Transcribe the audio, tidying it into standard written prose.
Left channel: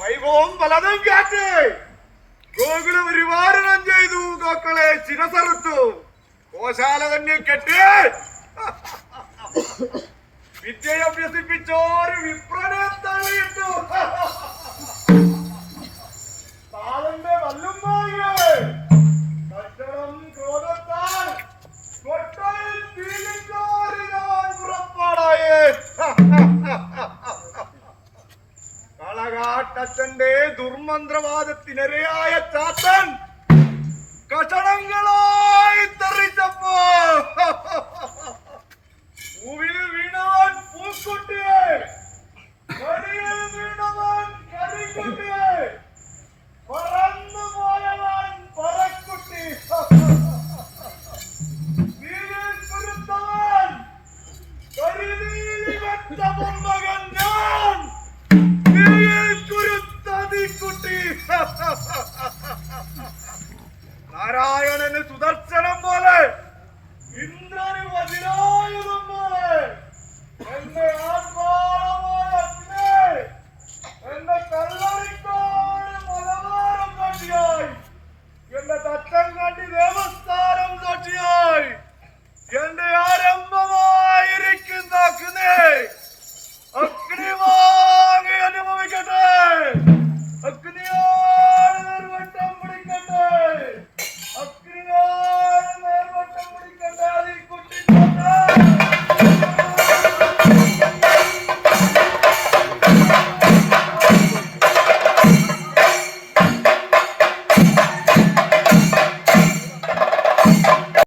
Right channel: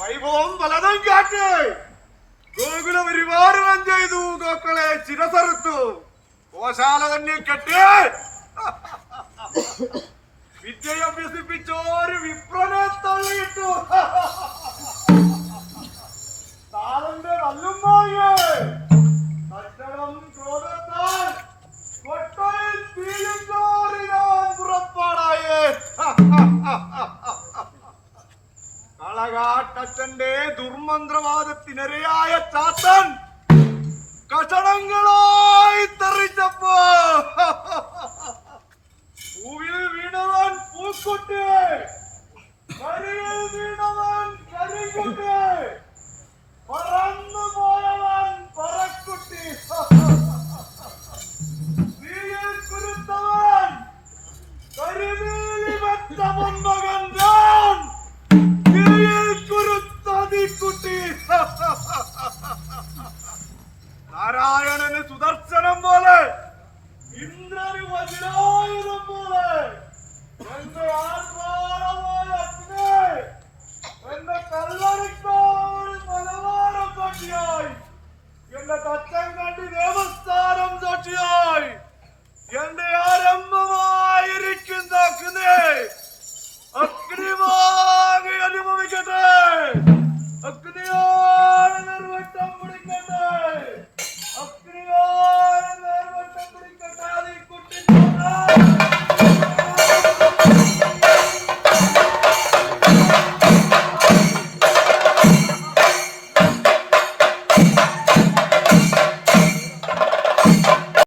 വൈഭവം പലതും കാറ്റ് ഗോകുലം പരിപാലനം ചെയ്തു, മക്കളെ ശിരസറുത്തു, ഗോശാല തന്നെ കെട്ടി വിദ്യയഭ്യസിപ്പിച്ചോര് വിപ്രനെ തള്ളിയിട്ടു. താളന്റെ വല്ലുമ്മായേ കച്ചടം ക്രോധത്താൽ കൊട്ടയിൽ തീരുന്നോരിനാൻ പുറപ്പാടായേ. കളകാട്ടച്ഛന്റെ ദുർമന്ത്രവാദത്തിനിരയായ ചാത്തൻ കഷണങ്ങളായി തെറിച്ചപ്പോ പൂവിൽ വീണവൻ പൂക്കുട്ടി, കരിയിൽ വീണവൻ കരിക്കുട്ടി, പറന്നു പോയവൻ പറക്കുട്ടി, തീയിൽ കുരുത്തവൻ കരിനീലി വെട്ടവൻ മകൻ ഞാൻ, തീയിൽ കുരുത്തതിക്കുട്ടി. നാരായണന് സുദർശനം പോലെ, ഇന്ദ്രന് വജ്രായുധം പോലെ, എന്റെ ആത്മാവായ അഗ്നി എന്റെ കല്ലറിക്കോട് മലവാരം കണ്ടിയായി, എന്റെ തച്ചൻ കണ്ടി ദേവ